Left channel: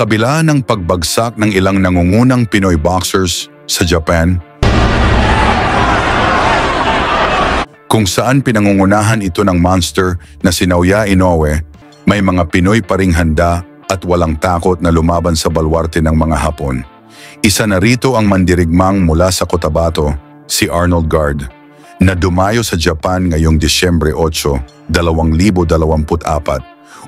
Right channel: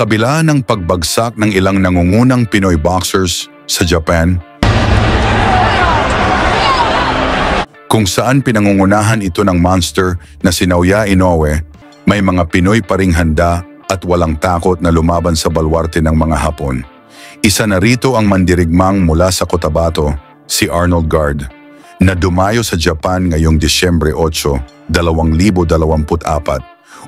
kabila ng pagbagsak ng ilang nangungunang Pinoy boxers sa Japan, kung saan pinangungunahan ito ng monster na si Naoya Inoue, may mga Pinoy pa ring handa at walang takot na lumaban sa balwarte ng mga Hapon. Isa na rito ang mandirigmang mula sa Cotabato, si Arnold Guard, na dumayo sa Japan ngayong Disyembre 8, 2024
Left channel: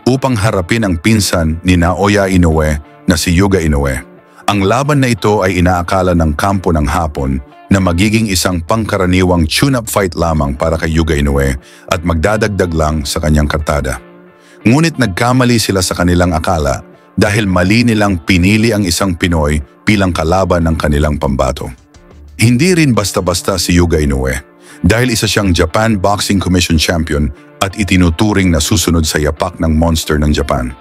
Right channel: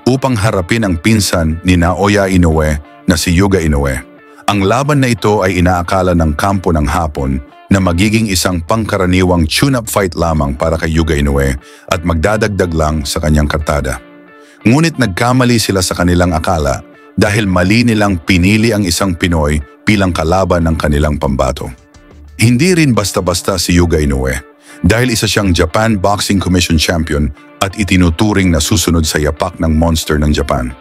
upang harapin ang pinsan ni Naoya Inoue na si Yuga Inoue. Ang laban na ito ay inaakala ng kampo ng Hapon na magiging isang pangkaraniwang tune-up fight lamang para kay Yuga Inoue at magdadagdag lang sa kanyang kartada. Ngunit nagkamali sila sa kanilang akala dahil mali nilang pinili ang isang Pinoy bilang kalaban ng kanilang pambato. Hindi rin basta-basta si Yuga Inoue dahil isa siyang Japan Boxing Commission Champion at itinuturing na susunod sa yapak ng monster ng Japan.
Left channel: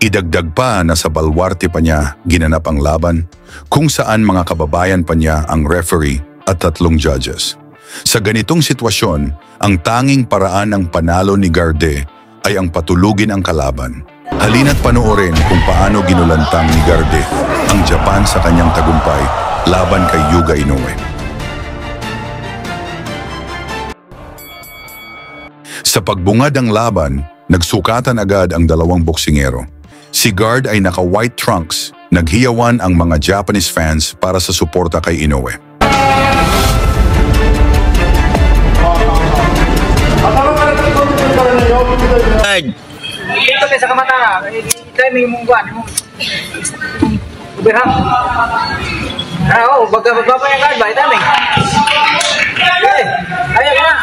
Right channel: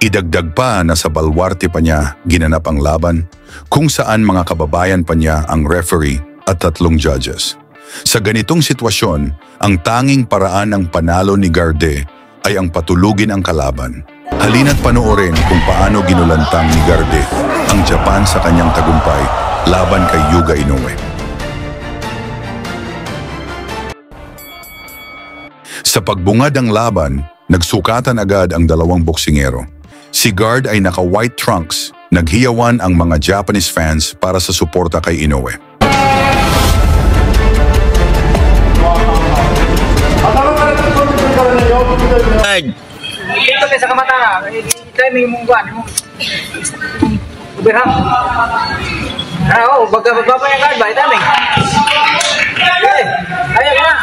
Idagdag pa na sa balwarte pa niya ginanap ang laban, kung saan mga kababayan pa niya ang referee at 3 judges. Sa ganitong sitwasyon, ang tanging paraan ng panalo ni Garde ay ang patulugin ang kalaban. Halina't panoorin kung paano ginulantang ni Garde ang Japan sa kanyang tagumpay laban kay Yuga Inoue. Sa pagbungad ng laban, nagsukatan agad ang dalawang boksingero. Si Guard ay naka-white trunks, naghiyawan ang mga Japanese fans para sa suporta kay Inoue. Ito sa kamata na, ito may mungguan mo. Uberham. Oo, bagapa yung guard ba? Ito may. Ayan na.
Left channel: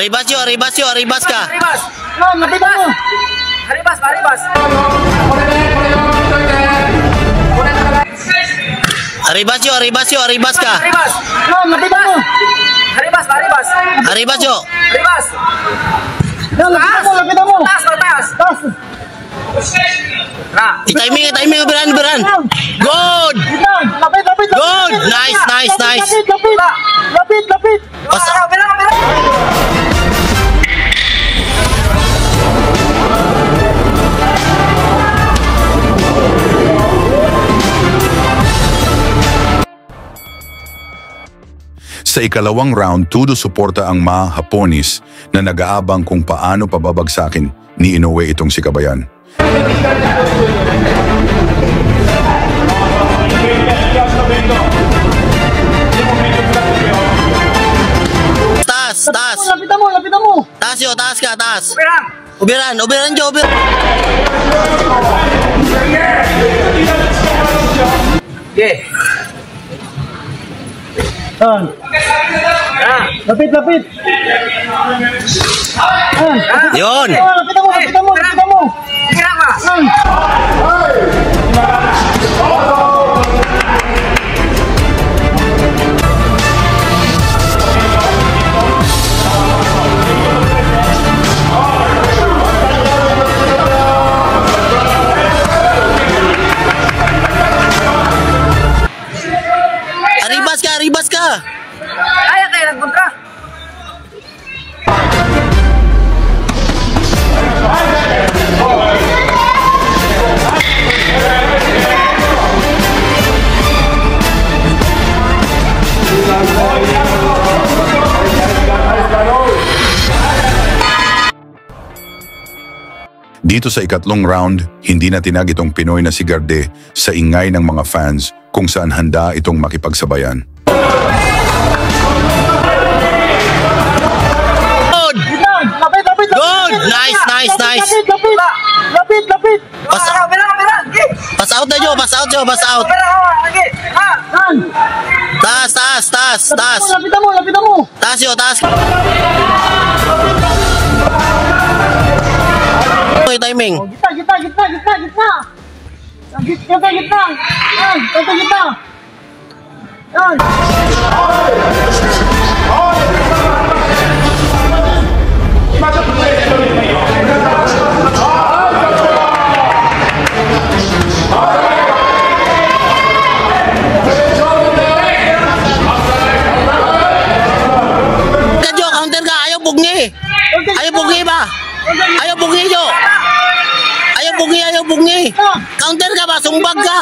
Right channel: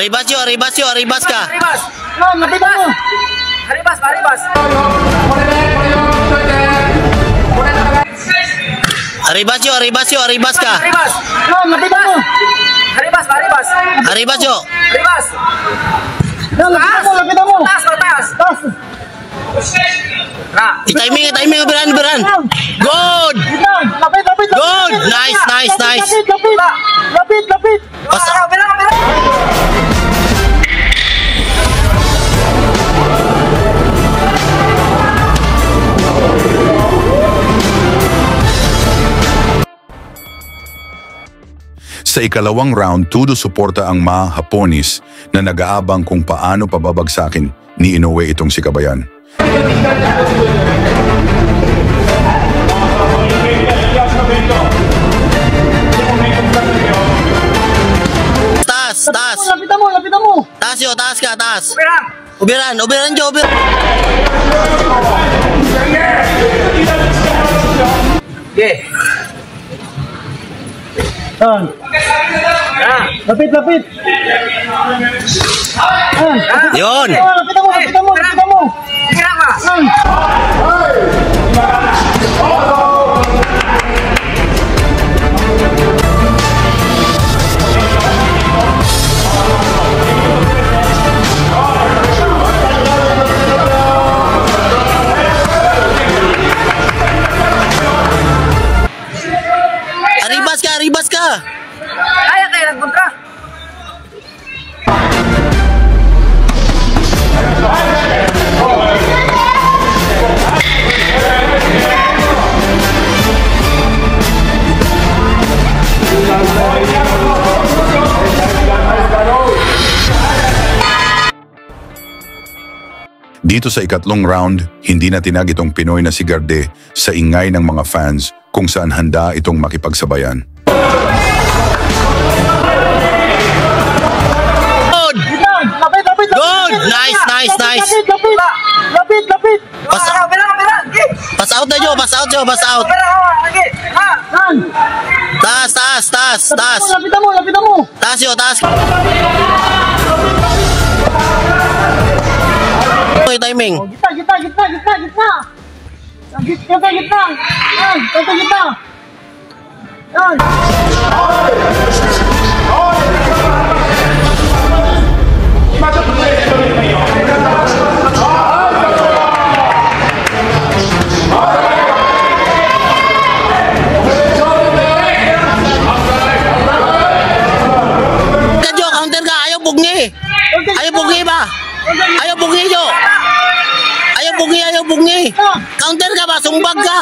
Arribas ka. Arribas. No, matiba mo. Arribas. Arribas ka. Arribas. No, matiba mo. Arribas. Arribas yo. Arribas. No, lapit mo. Taas. I-timing, beran. Good. Lapit. Good. Nice. Lapit. Sa ikalawang round, todo suporta ang mga Haponis na nag-aabang kung paano pababagsakin ni Inoue itong si Kabayan. Taas. Lapit mo. Taas ka. Uberan jo. Okay. Lapit. Yon. Lapit mo. Kira ka. Arribas ka. Kaya nagkontra. Dito sa ikatlong round, hindi na tinag itong Pinoy na si Garde sa ingay ng mga fans kung saan handa itong makipagsabayan. Good. Nice. Lapit. Pass out. Taas. Lapit mo. Taas. Timing. Gitna. bungi. Ayaw bungi ba? Ayaw bungi nyo. Ayaw bungi, ayaw bungi. Counter ka ba? Sumbag ka.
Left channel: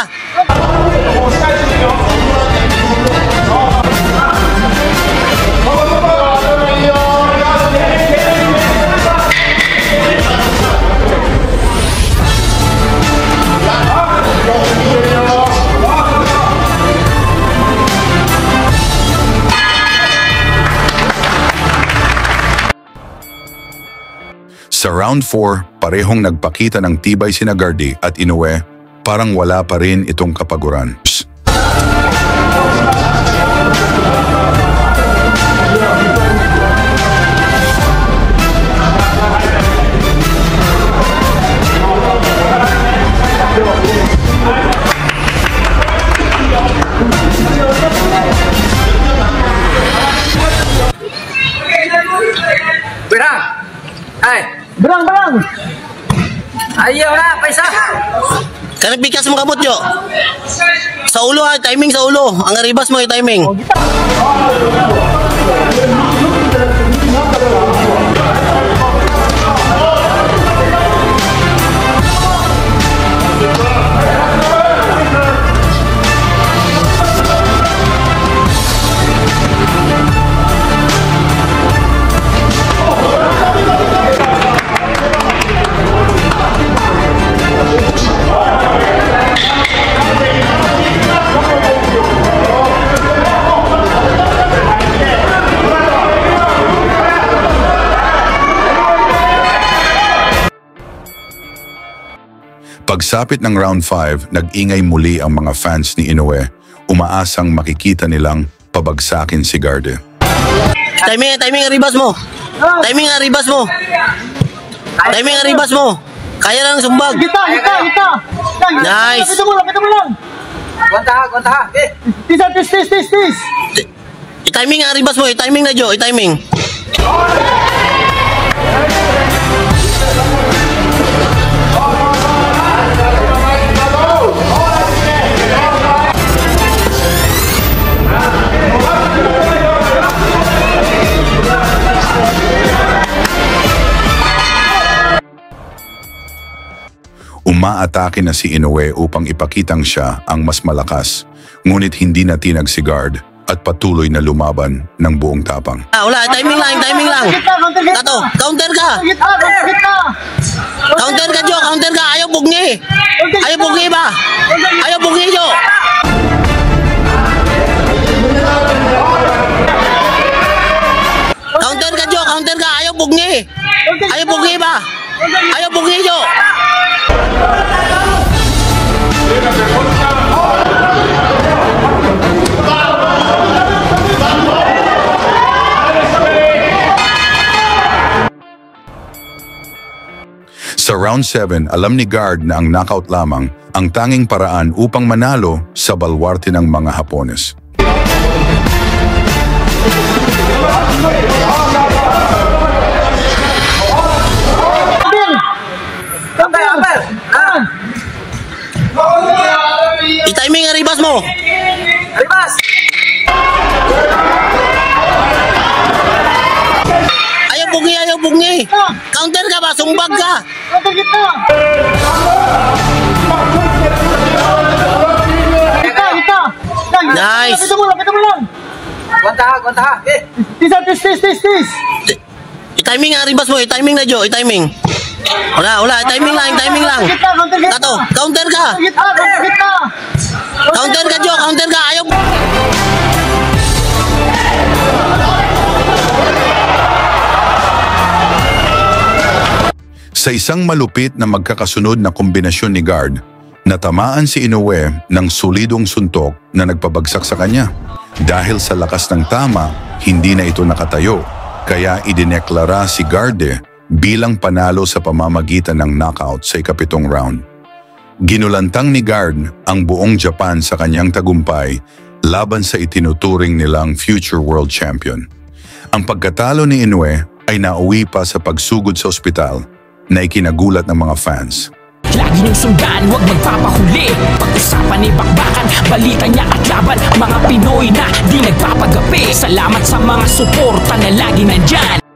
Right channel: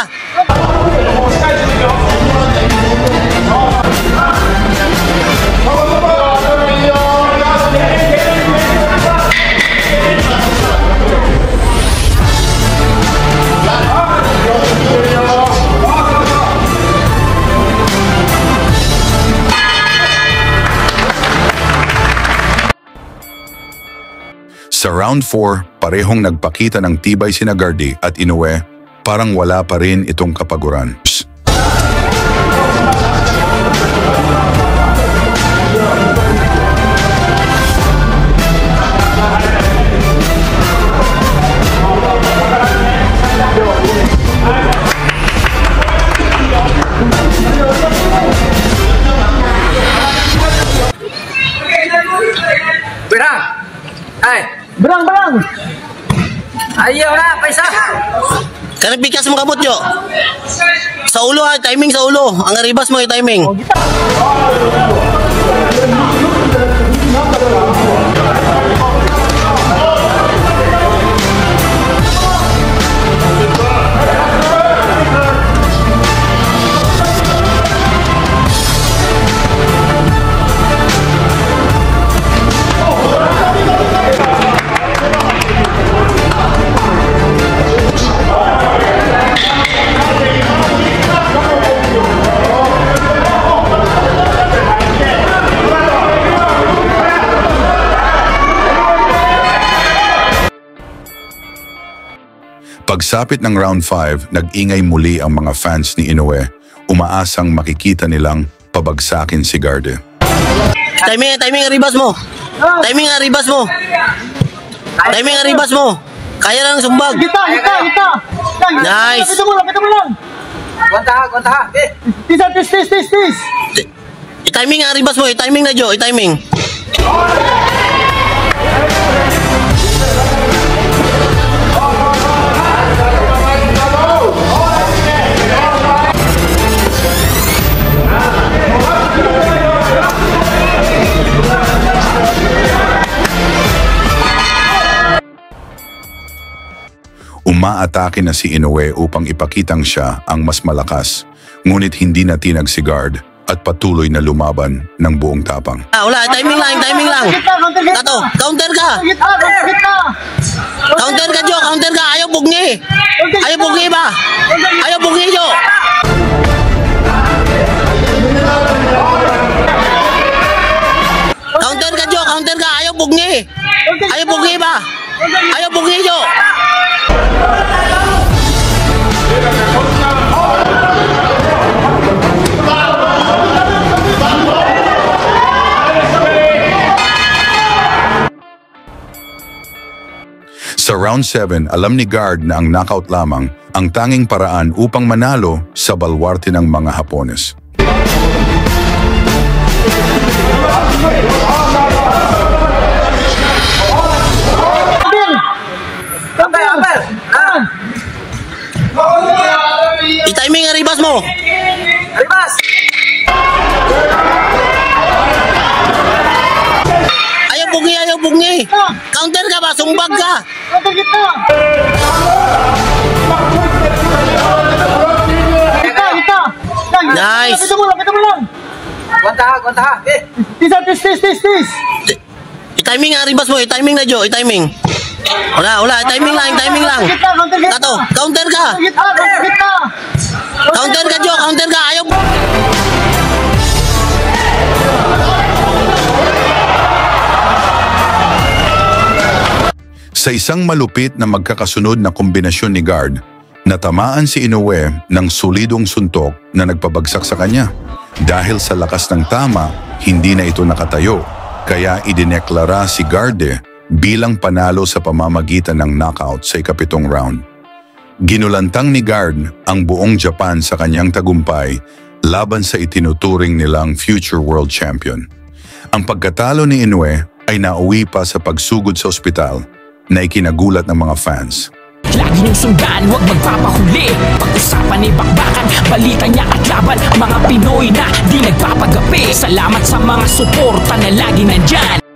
Sa round 4, parehong nagpakita ng tibay sina Gardy at Inoue, parang wala pa rin itong kapaguran. Bong! Ayaw na, paisa! Kanipit ka sa mga kabot nyo. Sa ulo ha, timing sa ulo. Ang aribas mo yung timing. Pagsapit ng round 5, nag-ingay muli ang mga fans ni Inoue, umaasang makikita nilang pabagsakin si Gardy. Timing aribas mo. Timing aribas mo. Timing aribas mo. Kaya lang sumbag. Kita! Nice. Kita mo lang! Gwanta ha! Tis! I-timing aribas mo. I-timing na Jo. I-timing. Umaatake na si Inoue upang ipakitang siya ang mas malakas, ngunit hindi natinag si Guard at patuloy na lumaban ng buong tapang. Wala, timing lang. Kato, counter ka. Counter ka Jo, counter ka. Ayaw bungi. Ayaw bungi ba? Ayaw bungi Jo. Counter ka Jo, counter ka. Ayaw bungi. Ayaw bungi ba? Ayaw bungi Jo. Sa round 7, alam ni Guard na ang knockout lamang ang tanging paraan upang manalo sa balwarte ng mga Hapones. I-timing aribas mo. Aribas! Ayaw bungi. Counter ka ba? Sumbag ka. Counter kita! Nice. Kita mo lang! Gwanta ha! Tis! I-timing aribas mo. I-timing na Jo. I-timing. Wala. I-timing lang. Kato, counter ka. Counter ka Jo. Counter ka. Ayaw. Sa isang malupit na magkakasunod na kombinasyon ni Guard, natamaan si Inoue ng solidong suntok na nagpabagsak sa kanya. Dahil sa lakas ng tama, hindi na ito nakatayo, kaya idineklara si Gardy bilang panalo sa pamamagitan ng knockout sa ika-7 round. Ginulantang ni Guard ang buong Japan sa kanyang tagumpay laban sa itinuturing nilang future world champion. Ang pagkatalo ni Inoue ay nauwi pa sa pagsugod sa ospital na ikinagulat ng mga fans. Lagi niyong sundan, huwag magpapahuli. Pag-usapan ni bakbakan, balita niya at laban. Mga Pinoy na di nagpapagapi. Salamat sa mga suporta na lagi nandyan.